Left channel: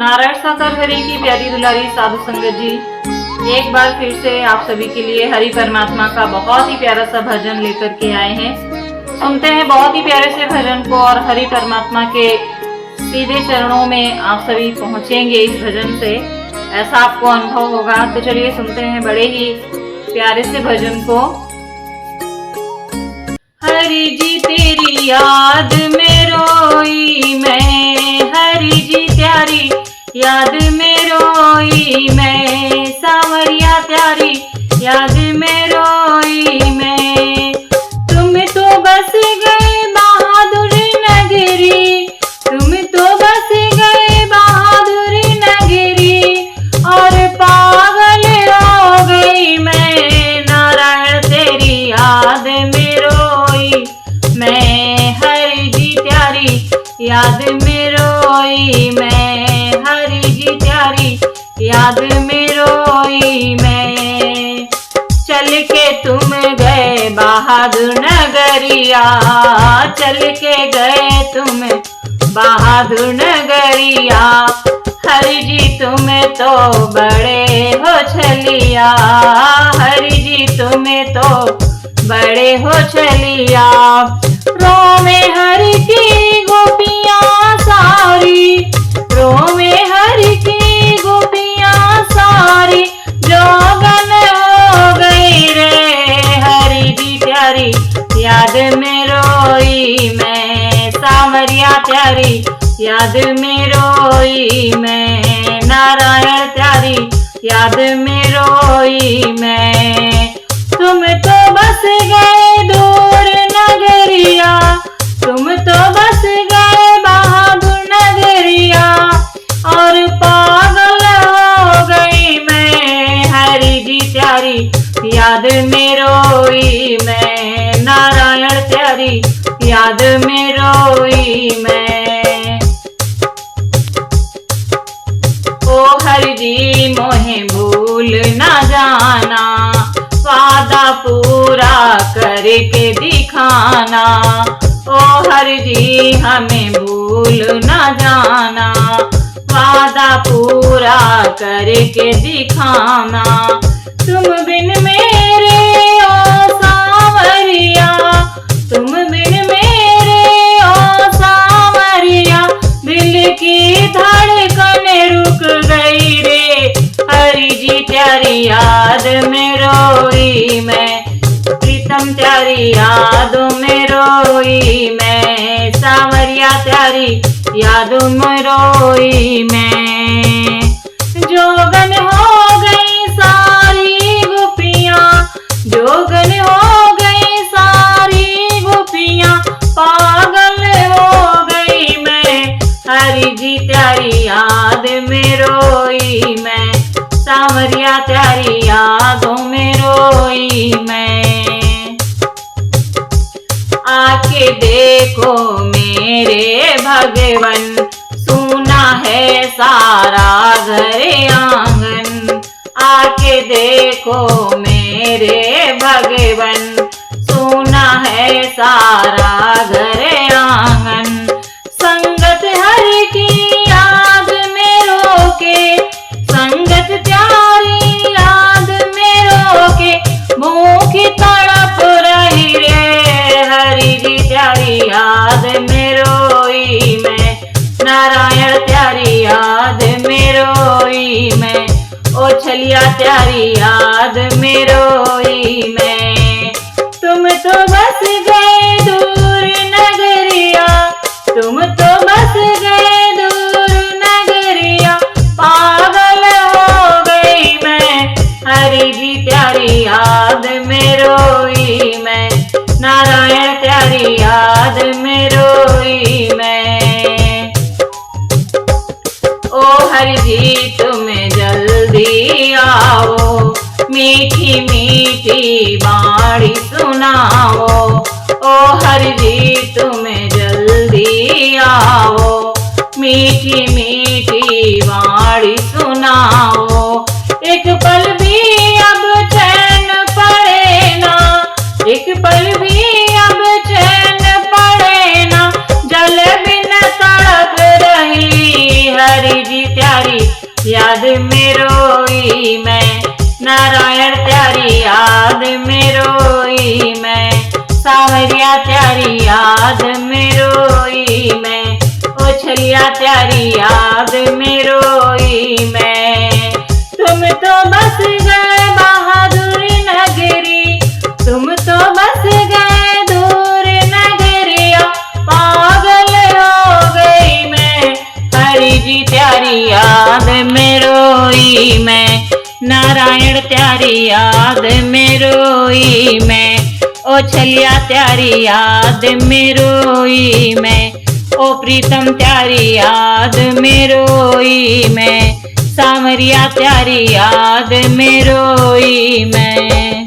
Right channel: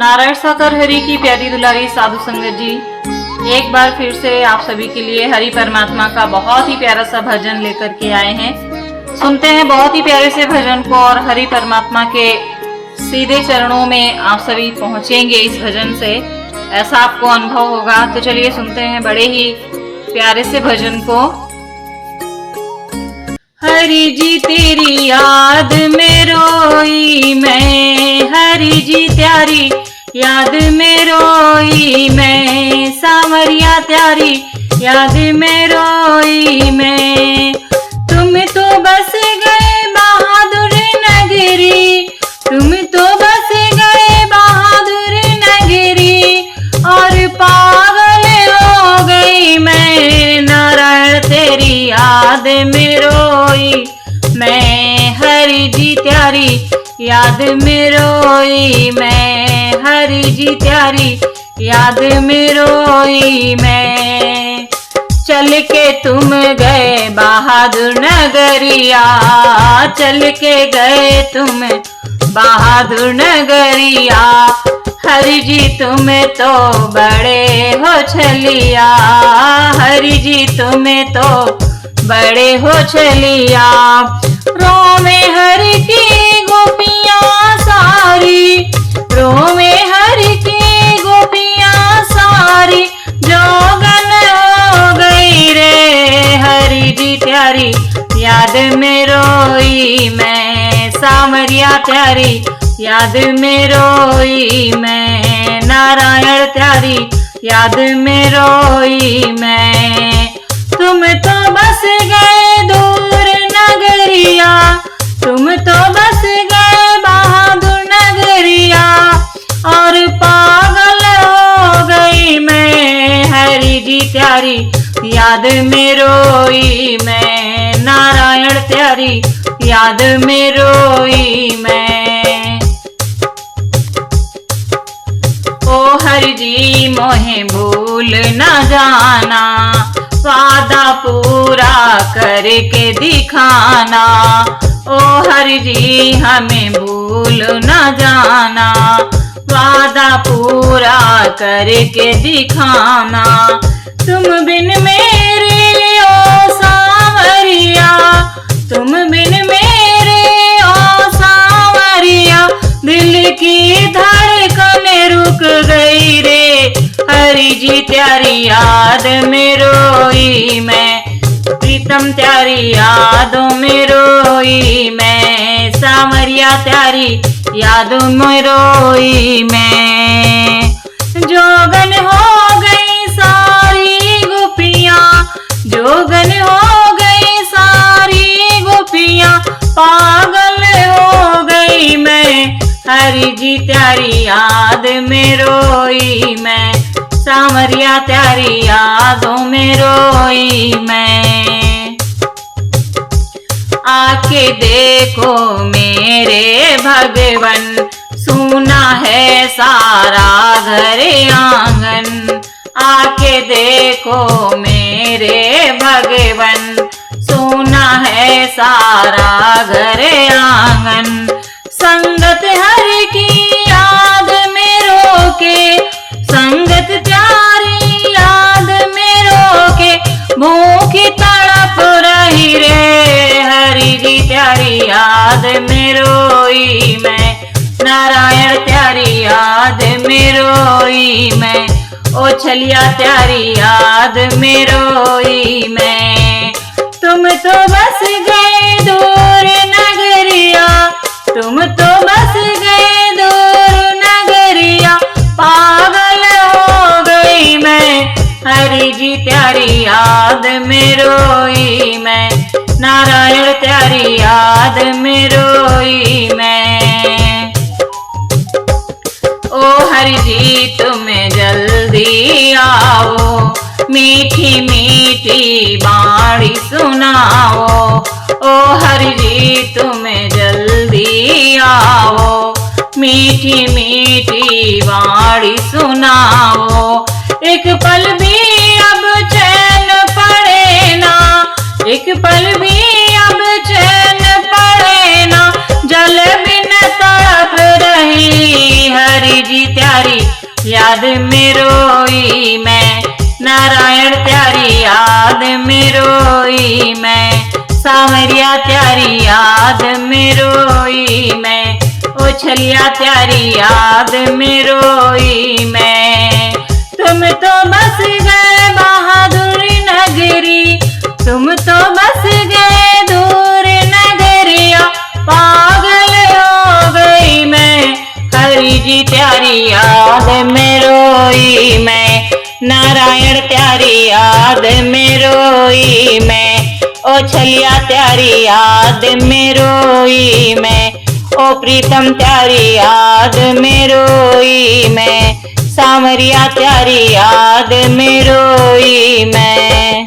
नारायण साकार हरि की प्यारी दुलारी साधु संगत जी, एक बार फिर से आप सभी के लिए हरि परमात्मा का बहुत ही प्यारा सा भजन लेकर के आए हैं। सुनते हैं बहुत ही प्यारे से भजन को और हरि परमात्मा के सीधे चरणों में आप सभी पहुंचेंगे इस भजन से, ऐसा आपको अनुभव होगा। तो चलिए सुनते हैं बड़े ही प्यारे से भजन को। हरि जी तेरी याद में रोई मैं, हरि जी त्यारी याद में रोई मैं, सांवरिया त्यारी याद में रोई मैं। तुम तो बस गए बहादुर नगरी, तुम तो बस गए बहादुर नगरी, और पागल हो गई मैं, नारायण तेरी याद में रोई मैं, हरि जी त्यारी याद में रोई मैं, हरि जी त्यारी याद में रोई मैं। चल के तुम गए बहादुर नगरिया, चल के गए तुम बहादुर नगरिया, हरि जी तुम तो बड़े हो छलिया, हरि जी तुम तो बड़े हो छलिया। रोवे हरि की गोपियां सारी, रोवे हरि की गोपियां सारी, जोगन हो गई रे, हरि जी प्यारी याद में रोई मैं, सांवरिया प्यारी याद में रोई मैं, नारायण प्यारी याद में रोई मैं। तुम तो बस गए दूर नगरिया, तुम तो बस गए बहादुर नगरिया, और पागल हो गई मैं, हरि जी प्यारी याद में रोई मैं, नारायण प्यारी याद में रोई मैं। ओ हरि जी मोहे भूल न जाना, वादा पूरा करके दिखाना, ओ हरि जी हमें भूल न जाना, वादा पूरा करके दिखाना। तुम बिन मेरे ओ सांवरिया, तुम बिन मेरे ओ सांवरिया, दिल की धड़कन रुक गई रे, हरि जी त्यारी याद में रोई मैं, प्रीतम त्यारी यादों में रोई मैं, सांवरिया त्यारी यादों में रोई मैं। जोगन हो गई सारी गोपियां, जोगन हो गई सारी गोपियां, पागल हो गई मैं, हरि जी त्यारी याद में रोई मैं, सांवरिया त्यारी यादों में रोई मैं। आके देखो मेरे भगवन, सुना है सारा घर आंगन, आके देखो मेरे भगवन, सुना है सारा घर आंगन। संगत हरि की याद में रोके, संगत प्यारी याद में रोके, भूखी तड़प रही रे, हरि जी प्यारी याद में रोई मैं, नारायण प्यारी याद में रोई मैं, ओ छलिया प्यारी याद में रोई मैं। तुम तो बस गए दूर नगरिया, तुम तो बस गए दूर नगरिया, पागल हो गई मैं, हरि जी प्यारी याद में रोई मैं, नारायण प्यारी याद में रोई मैं। ओ हरि जी तुम जल्दी आओ, मीठी मीठी बाणी सुनाओ, ओ हरि जी तुम जल्दी आओ, मीठी मीठी बाणी सुनाओ। एक पल भी अब चैन पड़े ना, एक पल भी अब चैन पड़े ना, जल बिन तड़प रही, हरि जी त्यारी याद में रोई मैं, नारायण त्यारी याद में रोई मैं, सावरिया त्यारी याद में रोई मैं, ओ छलिया त्यारी याद में रोई मैं। तुम तो बस गए बहादुर नगरी, तुम तो बस गए दूर नगरिया, पागल हो गई मैं, हरि जी त्यारी याद में रोई मैं, नारायण त्यारी याद में रोई मैं, ओ छलिया त्यारी याद में रोई मैं, ओ प्रीतम त्यारी याद में रोई मैं, सावरिया त्यारी याद में रोई मैं।